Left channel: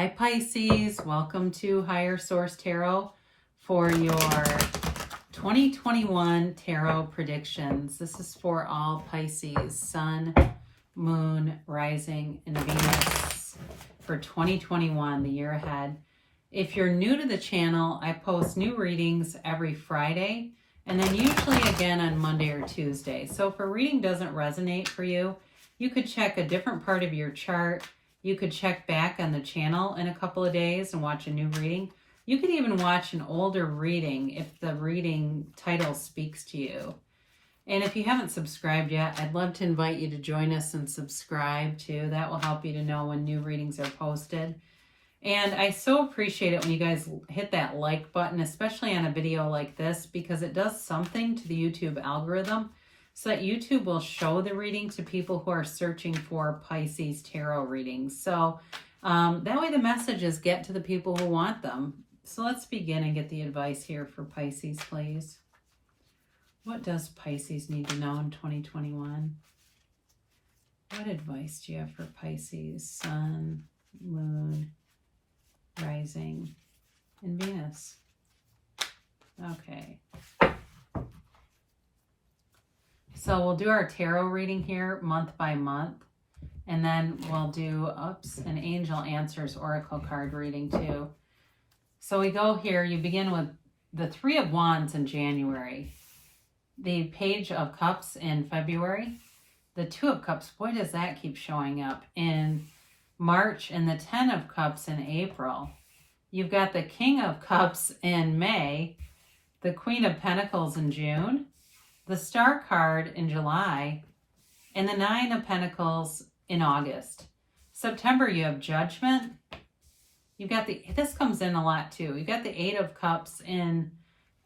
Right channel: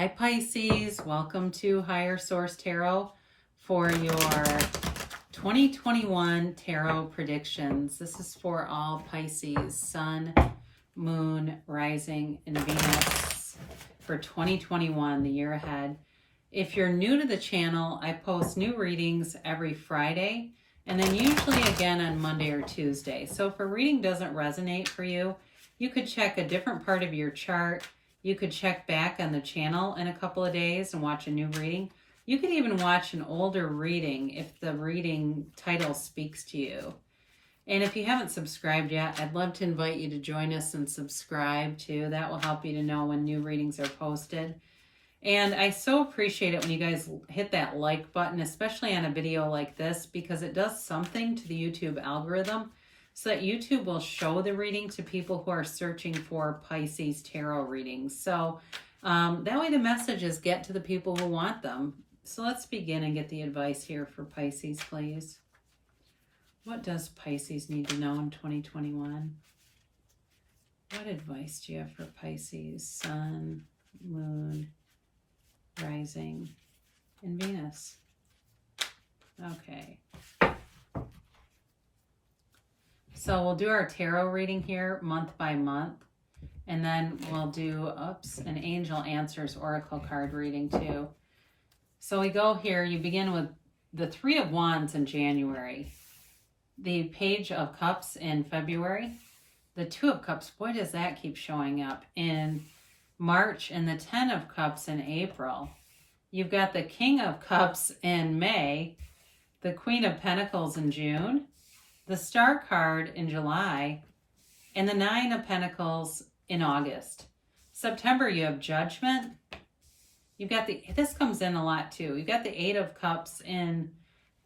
Hi Pisces, welcome to Higher Source Tarot for your 2021 tarot predictions. This is for all Pisces, Sun, Moon, Rising, and Venus for 2021, the year ahead. If you're new to the channel, I post new readings every Friday and then usually again on Monday or Tuesday. So if a reading doesn't resonate for you, you could check a different part of your chart. You could check back on the channel in a couple of days and watch a new reading. You could even watch an older reading if the reading title speaks to you. And if you haven't subscribed yet, I'd love to invite you to join us and subscribe too. That will help you to know when new readings are posted. And I so appreciate it when you guys hit that like button, especially on a video like this, because it does something to the YouTube algorithm, so that YouTube will show the reading to people who are searching for Pisces tarot readings. So that way the messages get to the people who want them. So let's begin and get the advice here for Pisces, please. What does Pisces need to know in 2021? What advice do you have for Pisces, Sun, Moon, Rising, and Venus? Okay. So we'll do our tarot reading here month by month, and then we'll do, an Angel Answers Oracle card reading too. So we go here, you begin with the Three of Wands in January, the Page of Cups in February, the Two of Cups, boy does that keep showing up, in March, and the Ten of Cups in April. You've got the King of Cups in May, the Queen of Pentacles in June, the Star card in July, and the Nine of Pentacles in August. September, you have Judgment. You've got this comes in a lot too. You've got the Eight of Cups in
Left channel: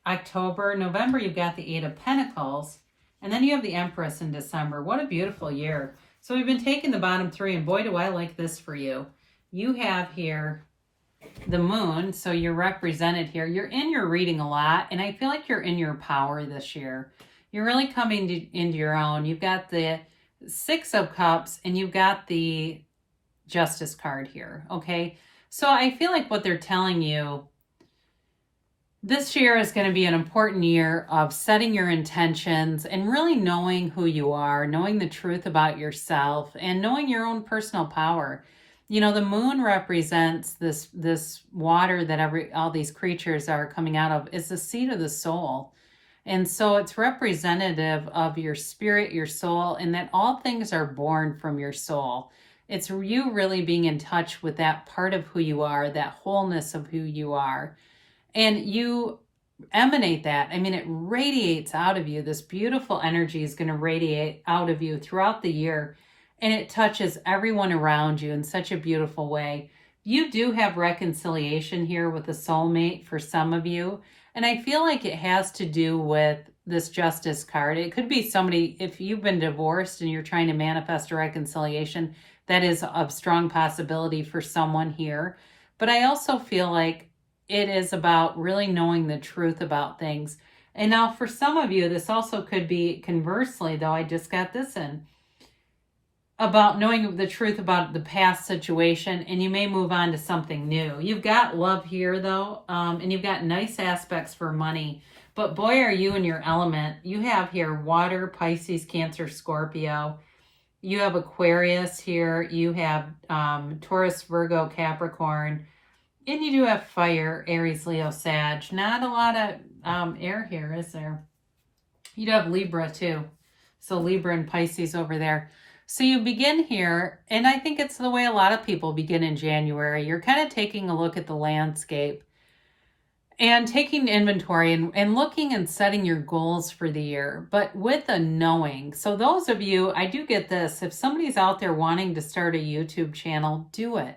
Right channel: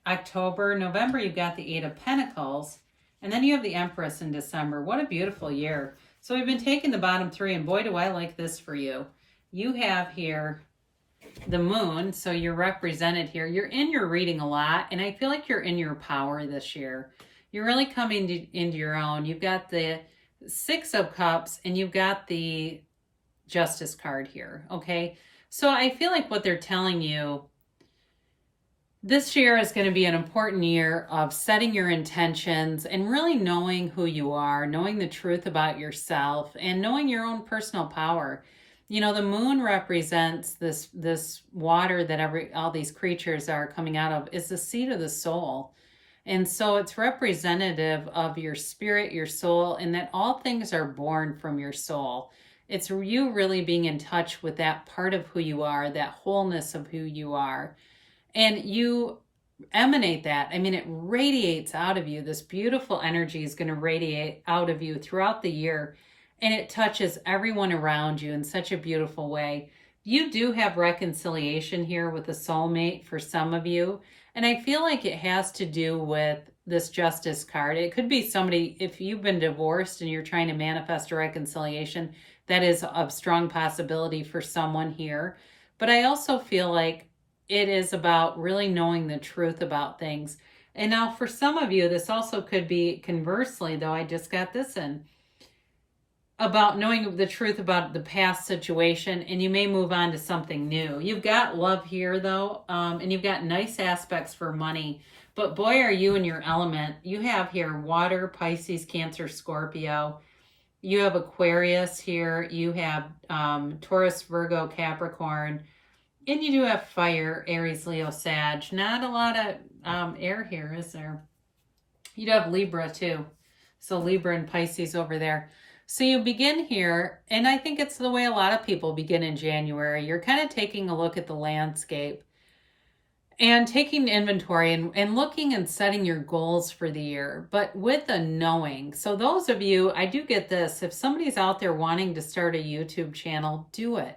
October. November, you've got the Eight of Pentacles. And then you have the Empress in December. What a beautiful year. So we've been taking the bottom three, and boy, do I like this for you. You have here the Moon, so you're represented here. You're in your reading a lot, and I feel like you're in your power this year. You're really coming into your own. You've got the Six of Cups, and you've got the Justice card here, okay? So I feel like what they're telling you, this year is going to be an important year of setting your intentions and really knowing who you are, knowing the truth about yourself, and knowing your own personal power. You know, the Moon represents this water that all these creatures are coming out of, is the seat of the soul. And so it's representative of your spirit, your soul, and that all things are born from your soul. It's you really being in touch with that part of who you are, that wholeness of who you are. And you emanate that. I mean, it radiates out of you. This beautiful energy is going to radiate out of you throughout the year. And it touches everyone around you in such a beautiful way. You do have reconciliation here with a soulmate for some of you. And I feel like it has to do with this Justice card. It could be somebody, if you've been divorced and you're trying to manifest a reconciliation, that is a strong possibility for someone here. But I also feel like it is about really knowing the truth about things. And now for some of you, this also could be conversely, though I just got this in, about knowing the truth about the past situation, and you may move on to something new. You've got love here though, and you've got nice aspects for money, but boy, are you in your element. You have here water, Pisces, Cancer, Scorpio. You have Aquarius here. You have Taurus, Virgo, Capricorn, and you do have fire, Aries, Leo, Sag. Not a lot of air here, is there? You'd have Libra too. So Libra and Pisces over there. So you begin here, and I think it's the way a lot of people begin in January. You're kind of taking a look at the landscape and taking inventory and looking and setting your goals for the year, but with a knowing. So those of you, I do get this, if somebody's out there wanting to start a YouTube channel, do it.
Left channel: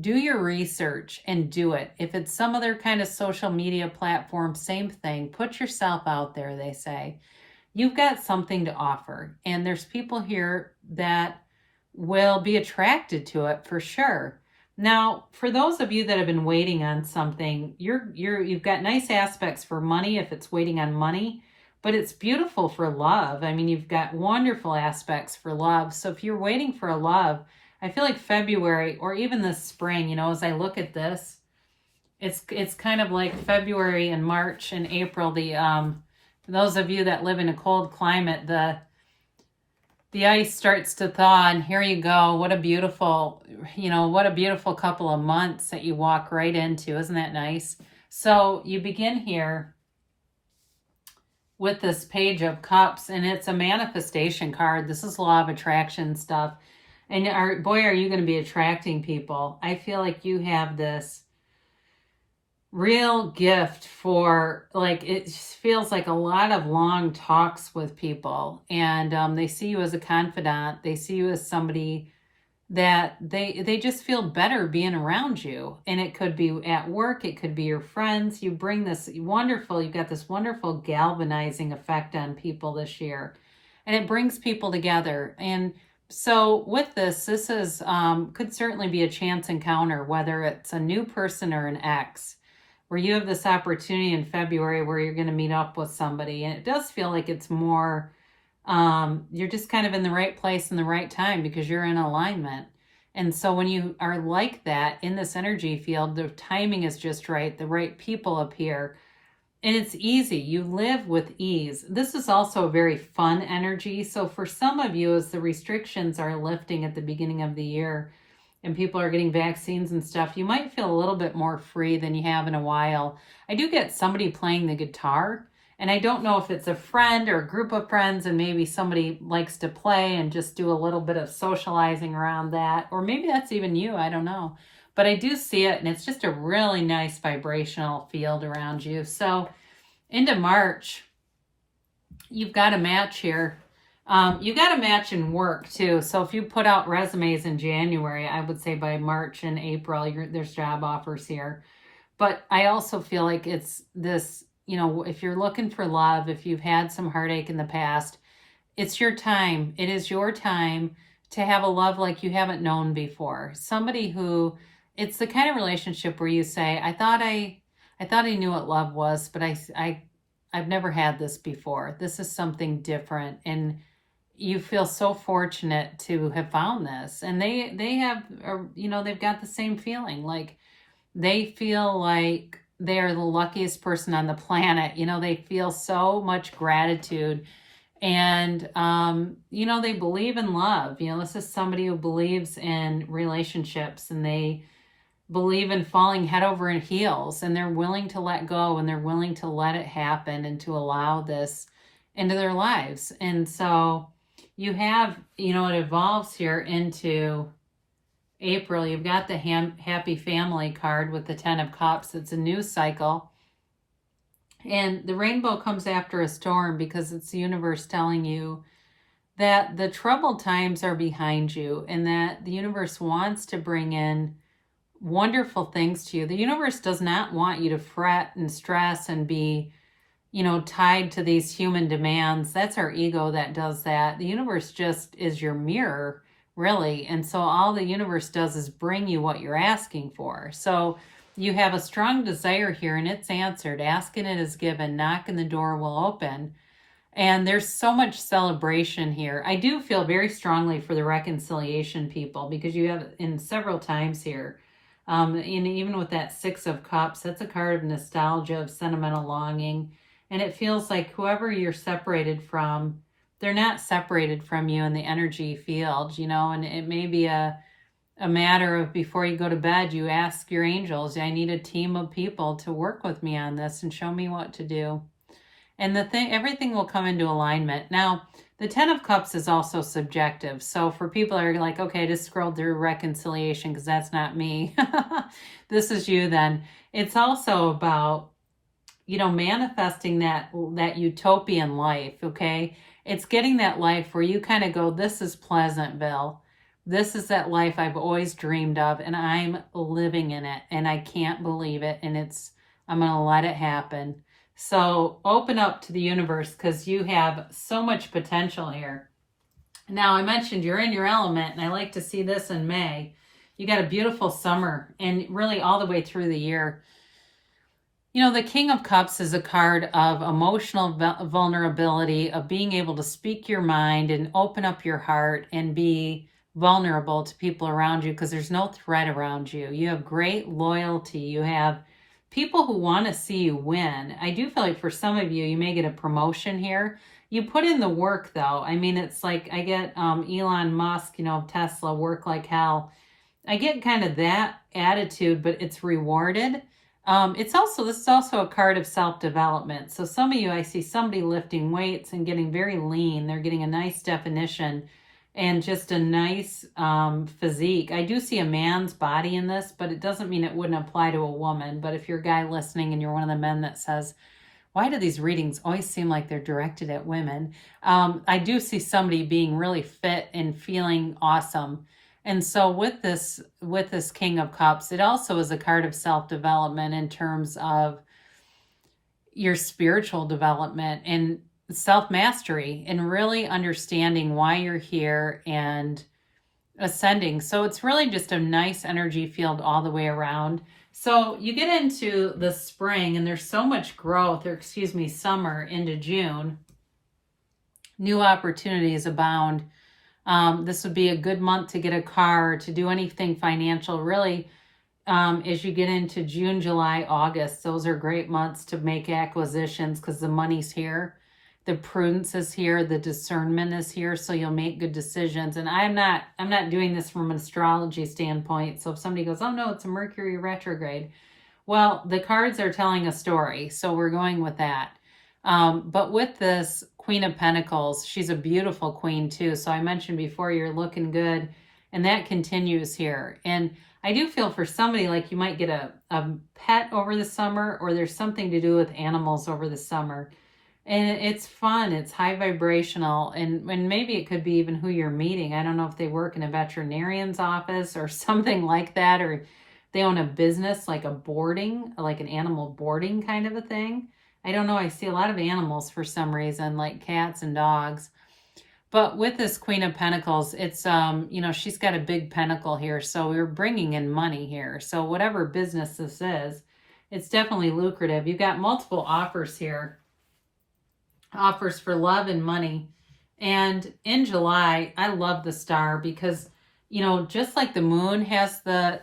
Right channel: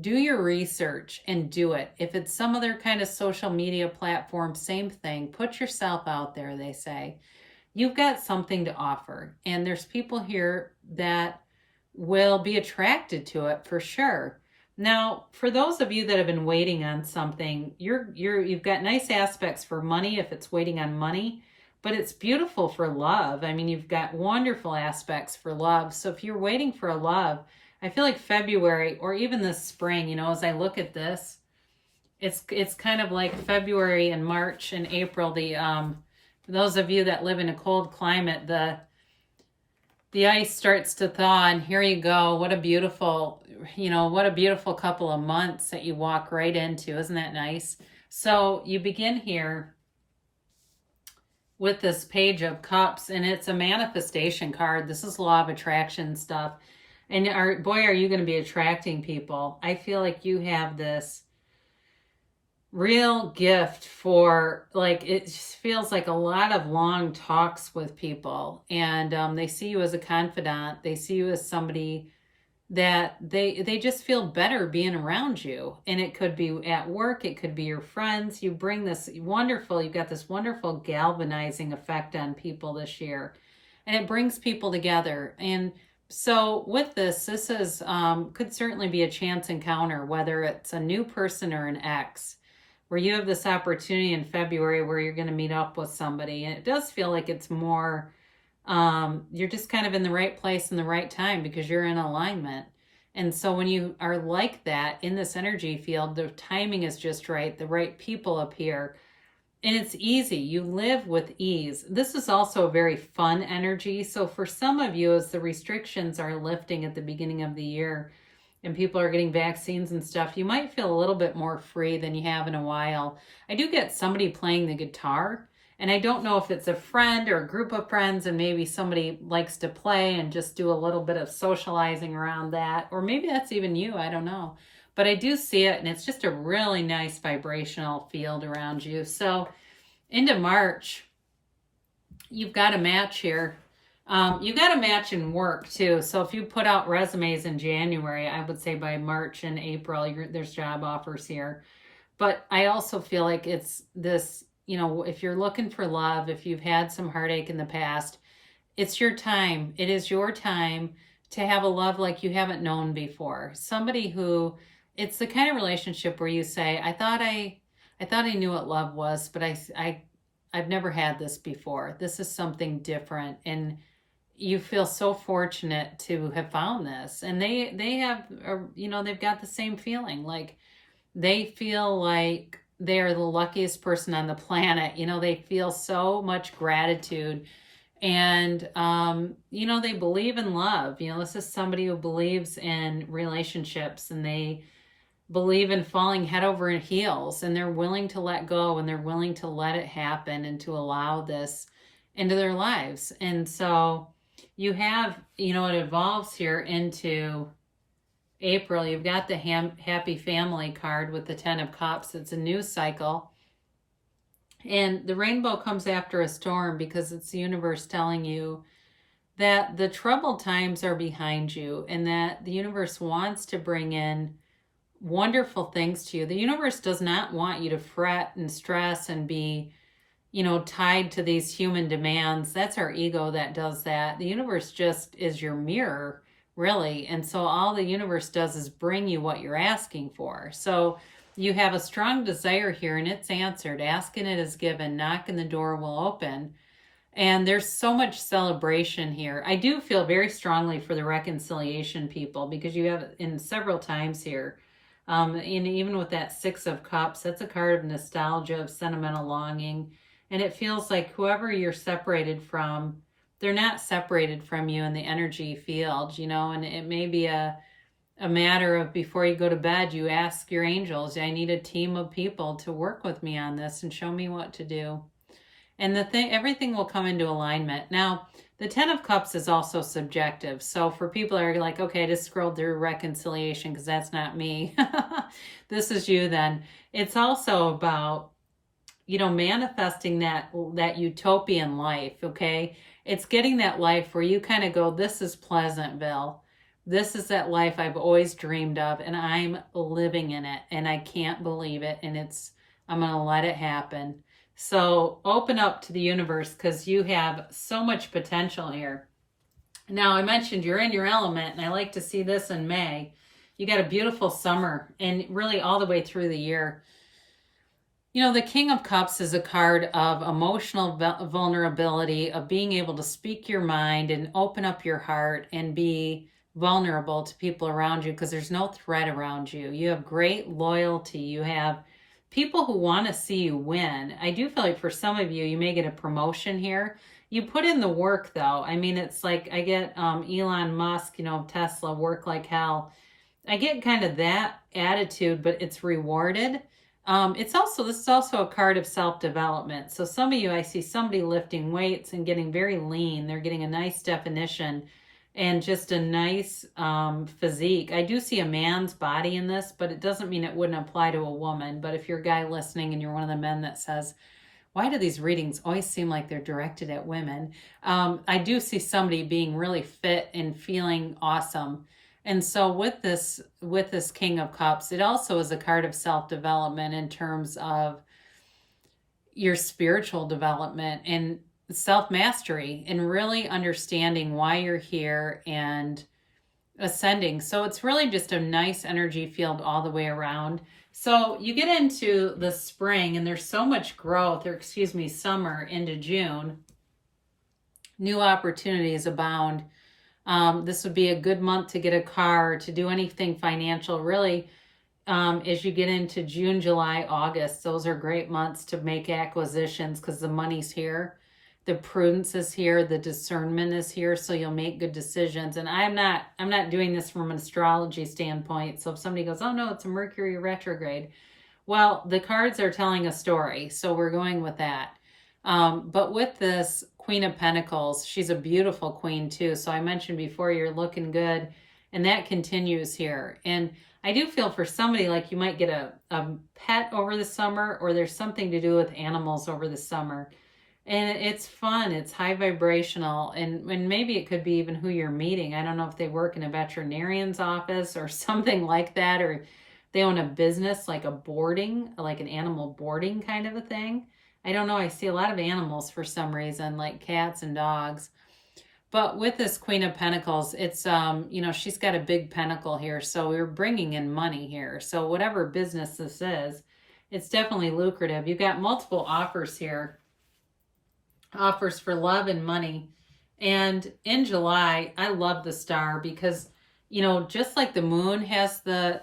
Do your research and do it. If it's some other kind of social media platform, same thing. Put yourself out there, they say. You've got something to offer, and there's people here that will be attracted to it for sure. Now, for those of you that have been waiting on something, you've got nice aspects for money if it's waiting on money, but it's beautiful for love. I mean, you've got wonderful aspects for love. So if you're waiting for a love, I feel like February or even this spring, you know, as I look at this, it's kind of like February and March and April. Those of you that live in a cold climate, the ice starts to thaw, and here you go. What a beautiful, what a beautiful couple of months that you walk right into. Isn't that nice? So you begin here with this Page of Cups, and it's a manifestation card. This is law of attraction stuff. And boy, are you going to be attracting people. I feel like you have this real gift for, like, it just feels like a lot of long talks with people, and they see you as a confidant. They see you as somebody that they just feel better being around you. And it could be at work, it could be your friends. You've got this wonderful galvanizing effect on people this year, and it brings people together. And so with this is could certainly be a chance encounter, whether it's a new person or an ex, where you have this opportunity in February where you're going to meet up with somebody. And it does feel like it's more, you're just kind of in the right place in the right time because you're in alignment. And so when you are like that in this energy field, the timing is just right. The right people appear. And it's easy. You live with ease. This is also a very fun energy. So for some of you, as the restrictions are lifting at the beginning of the year, and people are getting vaccines and stuff, you might feel a little bit more free than you have in a while. I do get somebody playing the guitar, and I don't know if it's a friend or a group of friends, and maybe somebody likes to play and just do a little bit of socializing around that, or maybe that's even you, I don't know. But I do see it, and it's just a really nice vibrational field around you. So into March, you've got a match here. You got a match in work too. So if you put out resumes in January, I would say by March and April, there's job offers here. But I also feel like it's this, if you're looking for love, if you've had some heartache in the past, it's your time. It is your time to have a love like you haven't known before. Somebody who, it's the kind of relationship where you say, I thought I knew what love was, but I've never had this before. This is something different. And you feel so fortunate to have found this. And they have, they've got the same feeling. Like, they feel like they're the luckiest person on the planet. They feel so much gratitude. And, they believe in love. This is somebody who believes in relationships, and they believe in falling head over heels, and they're willing to let go, and they're willing to let it happen and to allow this into their lives. And so you have, it evolves here into April. You've got the happy family card with the 10 of Cups. It's a new cycle. And the rainbow comes after a storm because it's the universe telling you that the troubled times are behind you, and that the universe wants to bring in wonderful things to you. The universe does not want you to fret and stress and be, tied to these human demands. That's our ego that does that. The universe just is your mirror, really. And so all the universe does is bring you what you're asking for. So you have a strong desire here, and it's answered. Asking it is given. Knocking the door will open. And there's so much celebration here. I do feel very strongly for the reconciliation people, because you have in several times here, and even with that 6 of Cups, that's a card of nostalgia, of sentimental longing. And it feels like whoever you're separated from, they're not separated from you in the energy field, and it may be a matter of, before you go to bed, you ask your angels, I need a team of people to work with me on this and show me what to do. And everything will come into alignment. Now, the 10 of Cups is also subjective. So for people that are like, okay, I just scrolled through reconciliation because that's not me. This is you then. It's also about, manifesting that utopian life, okay? It's getting that life where you kind of go, this is Pleasantville. This is that life I've always dreamed of, and I'm living in it, and I can't believe it, and I'm going to let it happen. So open up to the universe, because you have so much potential here. Now, I mentioned you're in your element, and I like to see this in May. You got a beautiful summer, and really all the way through the year. The King of Cups is a card of emotional vulnerability, of being able to speak your mind and open up your heart and be vulnerable to people around you because there's no threat around you. You have great loyalty. You have people who want to see you win. I do feel like for some of you, you may get a promotion here. You put in the work though. I mean, it's like I get Elon Musk, Tesla, work like hell. I get kind of that attitude, but it's rewarded. This is also a card of self-development. So some of you, I see somebody lifting weights and getting very lean. They're getting a nice definition and just a nice physique. I do see a man's body in this, but it doesn't mean it wouldn't apply to a woman. But if you're a guy listening and you're one of the men that says, why do these readings always seem like they're directed at women? I do see somebody being really fit and feeling awesome. And so with this King of Cups, it also is a card of self-development in terms of your spiritual development and self-mastery and really understanding why you're here and ascending. So it's really just a nice energy field all the way around. So you get into the spring and there's so much growth, summer into June. New opportunities abound. This would be a good month to get a car, to do anything financial. Really, as you get into June, July, August, those are great months to make acquisitions because the money's here. The prudence is here, the discernment is here, so you'll make good decisions. And I'm not doing this from an astrology standpoint. So if somebody goes, oh no, it's a Mercury retrograde. Well, the cards are telling a story, so we're going with that. But with this Queen of Pentacles, she's a beautiful queen too. So I mentioned before, you're looking good, and that continues here. And I do feel for somebody like you might get a pet over the summer, or there's something to do with animals over the summer. And it's fun, it's high vibrational, and maybe it could be even who you're meeting. I don't know if they work in a veterinarian's office or something like that, or they own a business like an animal boarding kind of a thing. I don't know, I see a lot of animals for some reason, like cats and dogs. But with this Queen of Pentacles, it's, she's got a big pentacle here, so we're bringing in money here. So whatever business this is, it's definitely lucrative. You've got multiple offers here. Offers for love and money. And in July, I love the star because, just like the moon has the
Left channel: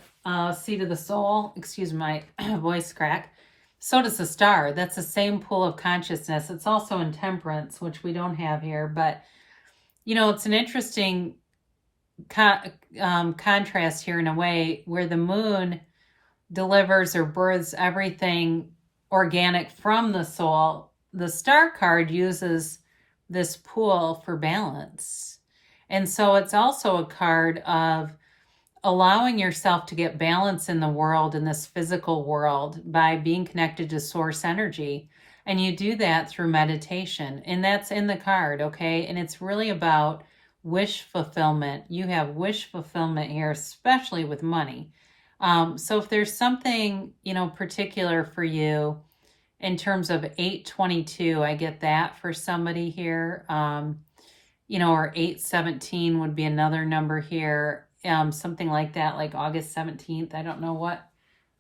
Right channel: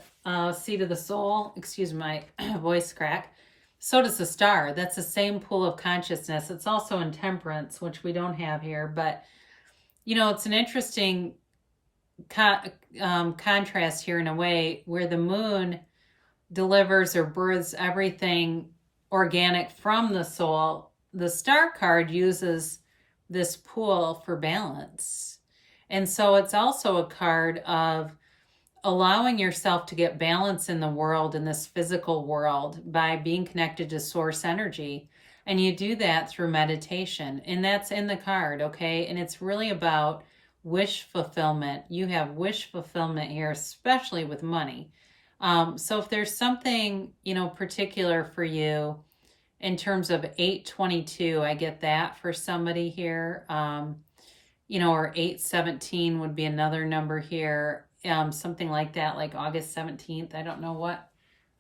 seat of the soul, excuse my voice crack, so does the star. That's the same pool of consciousness. It's also in Temperance, which we don't have here, but it's an interesting contrast here in a way where the moon delivers or births everything organic from the soul. The star card uses this pool for balance. And so it's also a card of allowing yourself to get balance in the world, in this physical world, by being connected to source energy. And you do that through meditation. And that's in the card, okay? And it's really about wish fulfillment. You have wish fulfillment here, especially with money. So if there's something, particular for you, in terms of 822, I get that for somebody here, or 817 would be another number here, something like that, like August 17th. I don't know what.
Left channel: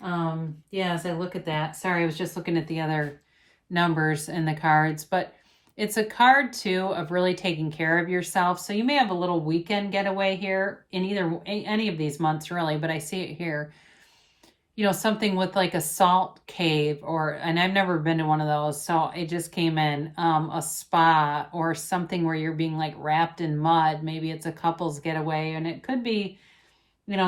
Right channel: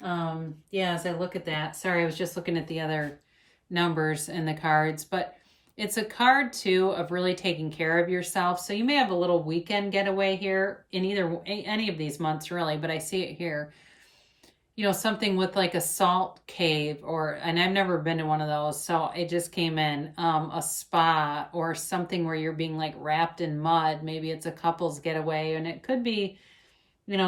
As I look at that, sorry, I was just looking at the other numbers in the cards, but it's a card too of really taking care of yourself. So you may have a little weekend getaway here in any of these months, really, but I see it here. Something with like a salt cave, and I've never been to one of those, so it just came in, a spa or something where you're being like wrapped in mud. Maybe it's a couple's getaway, and it could be,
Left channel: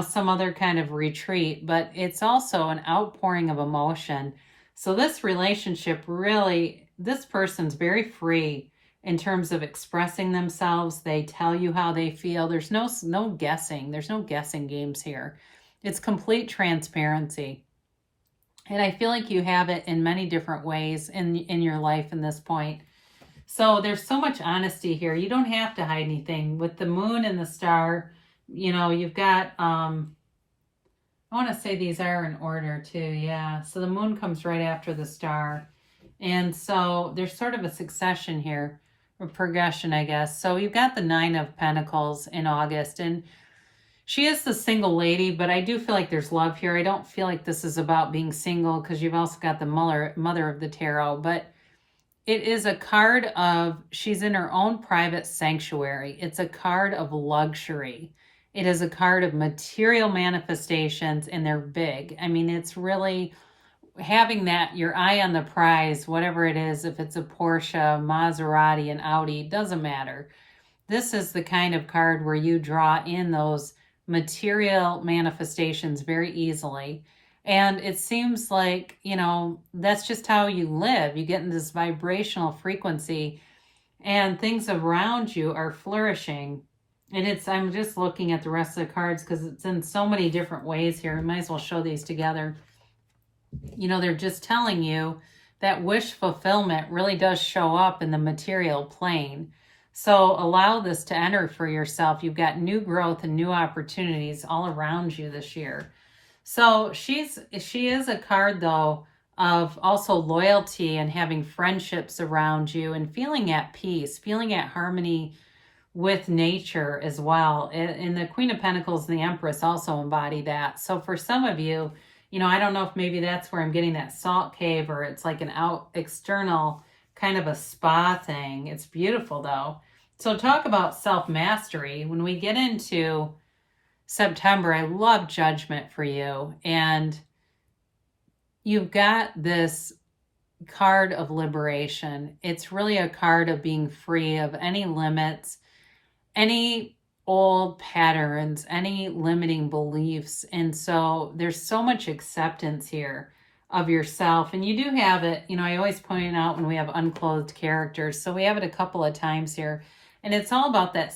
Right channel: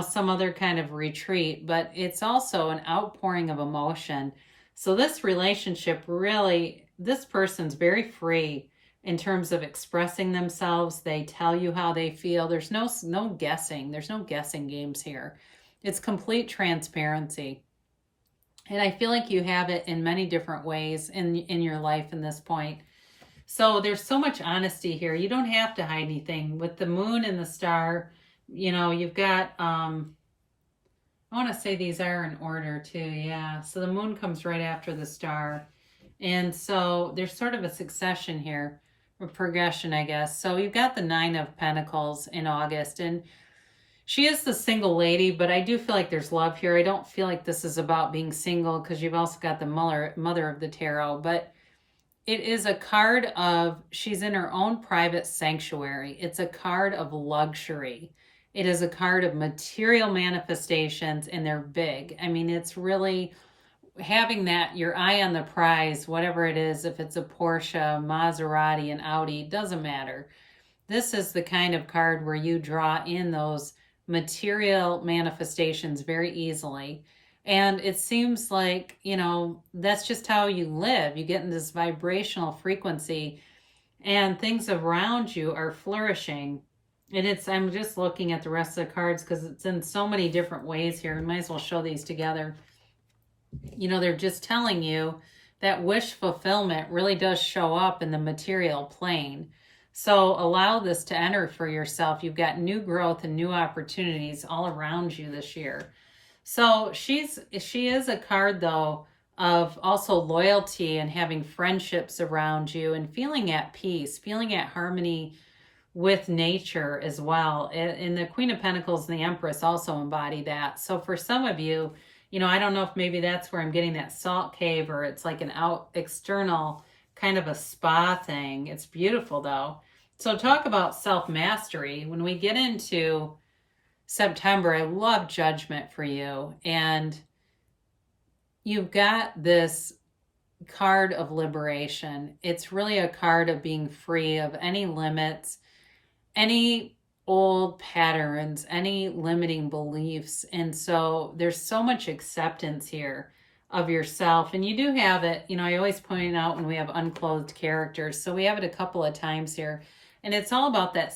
some other kind of retreat, but it's also an outpouring of emotion. So this relationship really, this person's very free in terms of expressing themselves. They tell you how they feel. There's no guessing. There's no guessing games here. It's complete transparency. And I feel like you have it in many different ways in your life in this point. So there's so much honesty here. You don't have to hide anything. With the moon and the star, you've got, I want to say these are in order too. Yeah. So the moon comes right after the star. And so there's sort of a succession here, or progression, I guess. So you've got the 9 of Pentacles in August, and she is the single lady, but I do feel like there's love here. I don't feel like this is about being single because you've also got the mother of the tarot, but it is a card of, she's in her own private sanctuary. It's a card of luxury. It is a card of material manifestations, and they're big. I mean, it's really having that, your eye on the prize, whatever it is, if it's a Porsche, Maserati, an Audi, doesn't matter. This is the kind of card where you draw in those material manifestations very easily. And it seems like, that's just how you live. You get in this vibrational frequency and things around you are flourishing. And I'm just looking at the rest of the cards because it's in so many different ways here. I might as well show these together. They're just telling you that wish fulfillment really does show up in the material plane. So allow this to enter for yourself. You've got new growth and new opportunities all around you this year. So she is a card, though, of also loyalty and having friendships around you and feeling at peace, feeling at harmony with nature as well. And the Queen of Pentacles and the Empress also embody that. So for some of you, I don't know if maybe that's where I'm getting that salt cave, or it's like an external kind of a spa thing. It's beautiful, though. So talk about self-mastery. When we get into September, I love Judgment for you. And you've got this card of liberation. It's really a card of being free of any limits, any old patterns, any limiting beliefs. And so there's so much acceptance here of yourself. And you do have it, I always point out when we have unclothed characters. So we have it a couple of times here. And it's all about that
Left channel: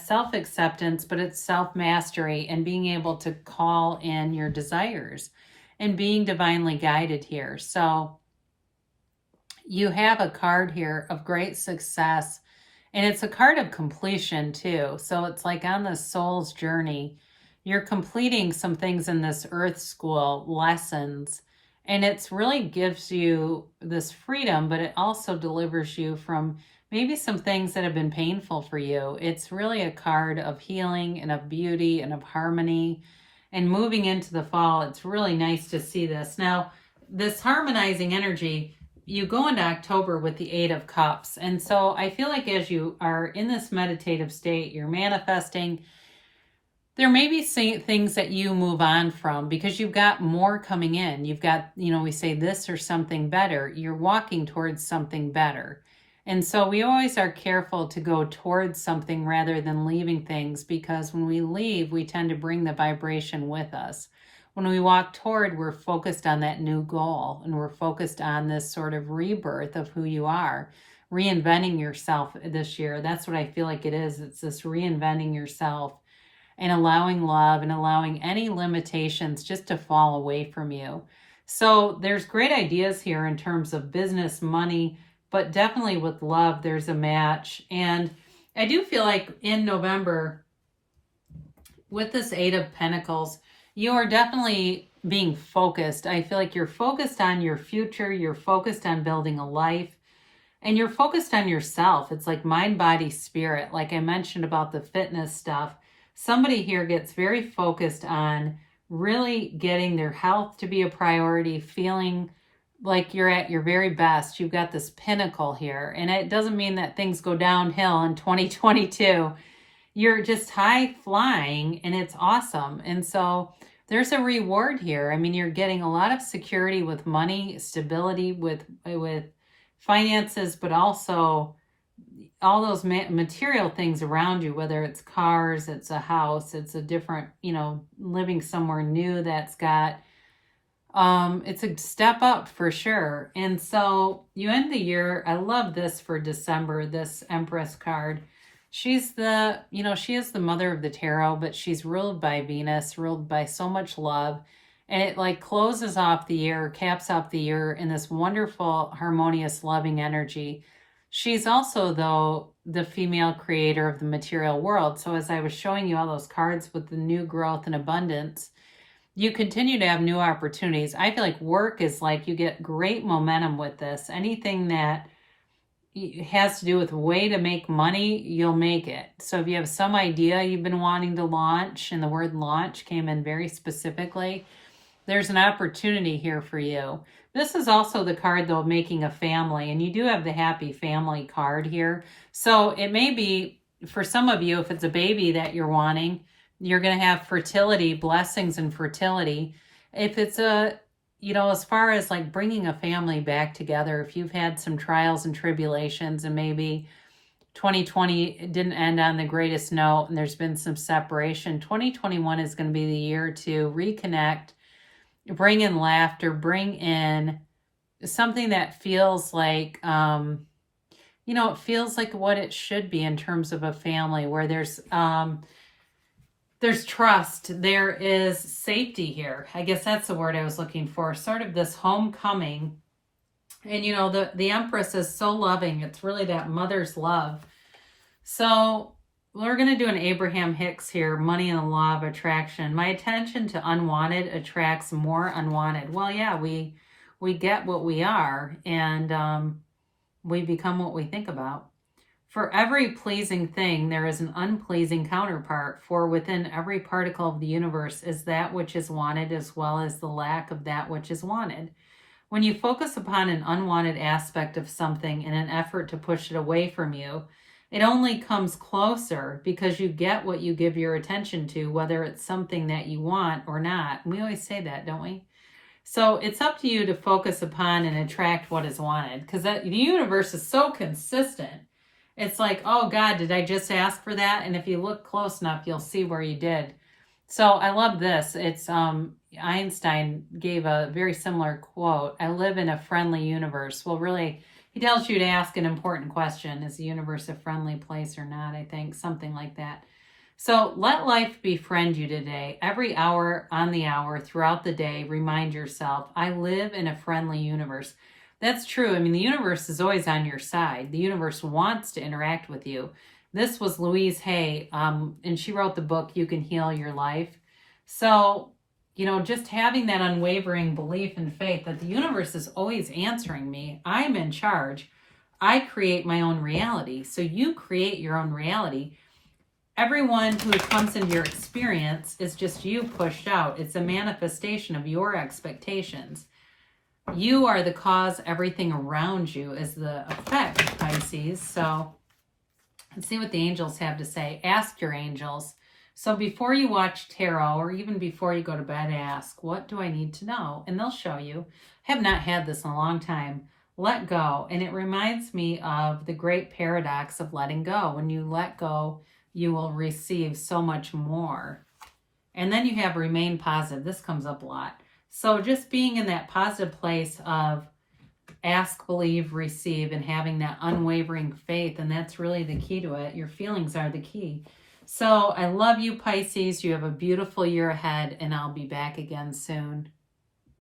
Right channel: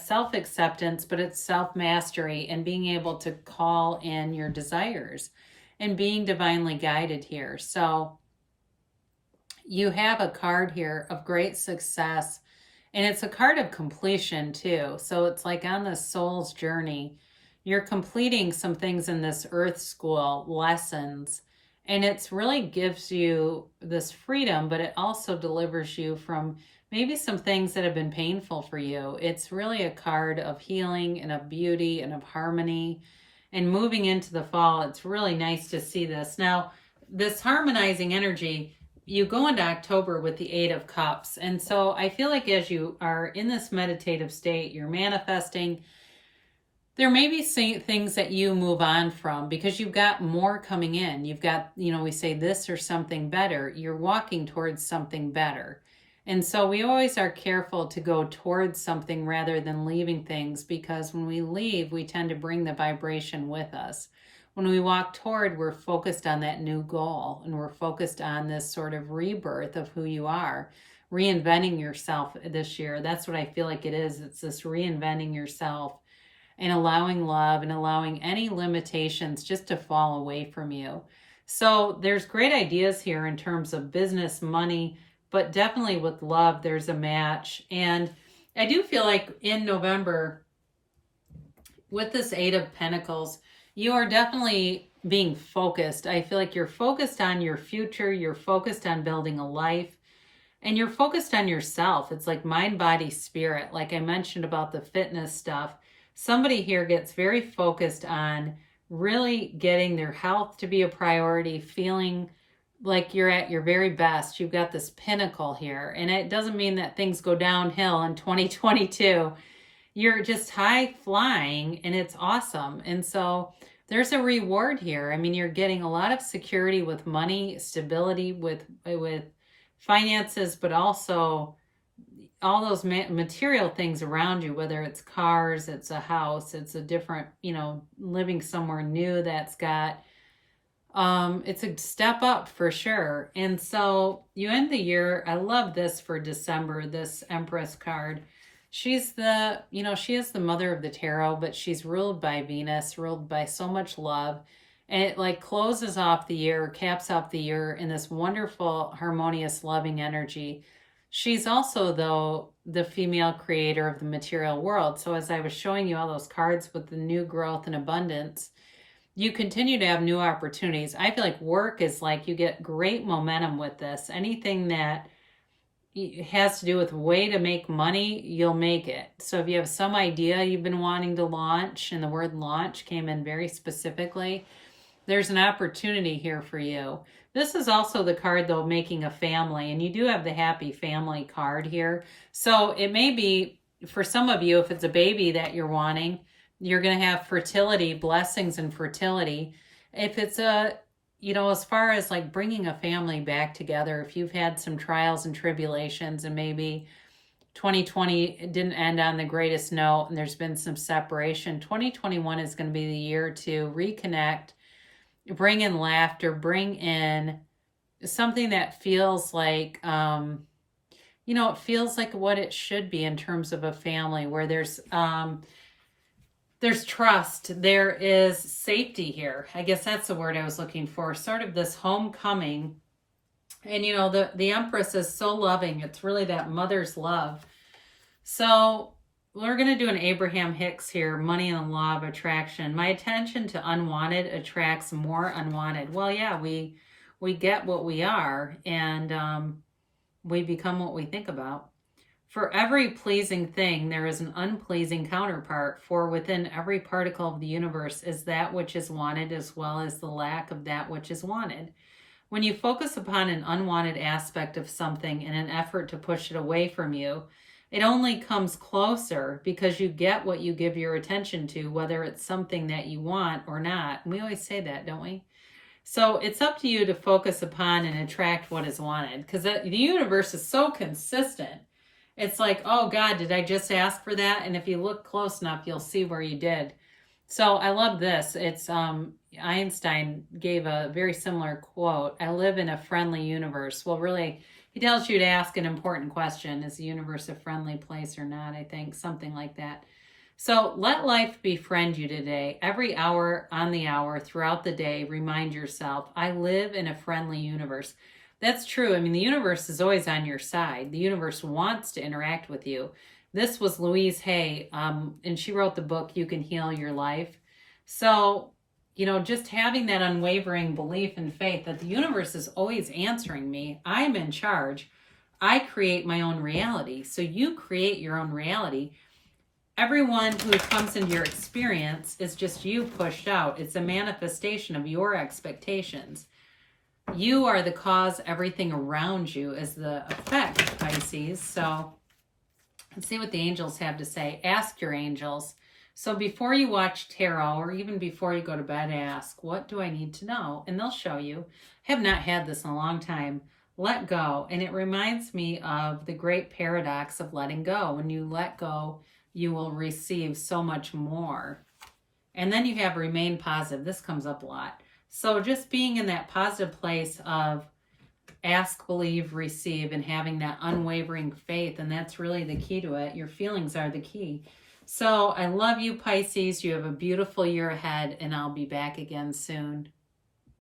self-acceptance, but it's self-mastery and being able to call in your desires and being divinely guided here. So you have a card here of great success. And it's a card of completion too. So it's like on the soul's journey, you're completing some things in this earth school lessons. And it's really gives you this freedom, but it also delivers you from maybe some things that have been painful for you. It's really a card of healing and of beauty and of harmony. And moving into the fall, it's really nice to see this. Now, this harmonizing energy, you go into October with the Eight of Cups. And so I feel like as you are in this meditative state, you're manifesting, there may be things that you move on from because you've got more coming in. You've got, we say this or something better. You're walking towards something better. And so we always are careful to go towards something rather than leaving things, because when we leave, we tend to bring the vibration with us. When we walk toward, we're focused on that new goal, and we're focused on this sort of rebirth of who you are, reinventing yourself this year. That's what I feel like it is. It's this reinventing yourself and allowing love and allowing any limitations just to fall away from you. So there's great ideas here in terms of business, money, but definitely with love, there's a match. And I do feel like in November, with this Eight of Pentacles, you are definitely being focused. I feel like you're focused on your future. You're focused on building a life. And you're focused on yourself. It's like mind, body, spirit. Like I mentioned about the fitness stuff. Somebody here gets very focused on really getting their health to be a priority, feeling like you're at your very best. You've got this pinnacle here. And it doesn't mean that things go downhill in 2022. You're just high flying and it's awesome. And so there's a reward here. I mean, you're getting a lot of security with money, stability with finances, but also all those material things around you, whether it's cars, it's a house, it's a different, living somewhere new that's got, it's a step up for sure. And so you end the year, I love this for December, this Empress card. She's she is the mother of the tarot, but she's ruled by Venus, ruled by so much love. And it like closes off the year, caps off the year in this wonderful, harmonious, loving energy. She's also, though, the female creator of the material world. So as I was showing you all those cards with the new growth and abundance, you continue to have new opportunities. I feel like work is like you get great momentum with this. Anything that has to do with a way to make money, you'll make it. So if you have some idea you've been wanting to launch, and the word launch came in very specifically, there's an opportunity here for you. This is also the card, though, making a family, and you do have the happy family card here. So it may be, for some of you, if it's a baby that you're wanting, You're going to have fertility, blessings and fertility. If it's as far as like bringing a family back together, if you've had some trials and tribulations and maybe 2020 didn't end on the greatest note and there's been some separation, 2021 is going to be the year to reconnect, bring in laughter, bring in something that feels like, it feels like what it should be in terms of a family where there's trust, there is safety here. I guess that's the word I was looking for. Sort of this homecoming. And the Empress is so loving. It's really that mother's love. So we're going to do an Abraham Hicks here, money and the law of attraction. My attention to unwanted attracts more unwanted. Well, yeah, we get what we are, and we become what we think about. For every pleasing thing, there is an unpleasing counterpart, for within every particle of the universe is that which is wanted as well as the lack of that which is wanted. When you focus upon an unwanted aspect of something in an effort to push it away from you, it only comes closer because you get what you give your attention to, whether it's something that you want or not. And we always say that, don't we? So it's up to you to focus upon and attract what is wanted, because the universe is so consistent. It's like, oh God, did I just ask for that? And if you look close enough, you'll see where you did. So I love this. It's Einstein gave a very similar quote. I live in a friendly universe. Well, really, he tells you to ask an important question. Is the universe a friendly place or not? I think something like that. So let life befriend you today. Every hour on the hour throughout the day, remind yourself, I live in a friendly universe. That's true. I mean, the universe is always on your side. The universe wants to interact with you. This was Louise Hay, and she wrote the book, You Can Heal Your Life. So, just having that unwavering belief and faith that the universe is always answering me. I'm in charge. I create my own reality. So you create your own reality. Everyone who comes into your experience is just you pushed out. It's a manifestation of your expectations. You are the cause. Everything around you is the effect, Pisces. So let's see what the angels have to say. Ask your angels. So before you watch tarot, or even before you go to bed, ask, what do I need to know? And they'll show you. I have not had this in a long time. Let go. And it reminds me of the great paradox of letting go. When you let go, you will receive so much more. And then you have remain positive. This comes up a lot. So just being in that positive place of ask, believe, receive, and having that unwavering faith. And that's really the key to it. Your feelings are the key. So I love you, Pisces. You have a beautiful year ahead, and I'll be back again soon.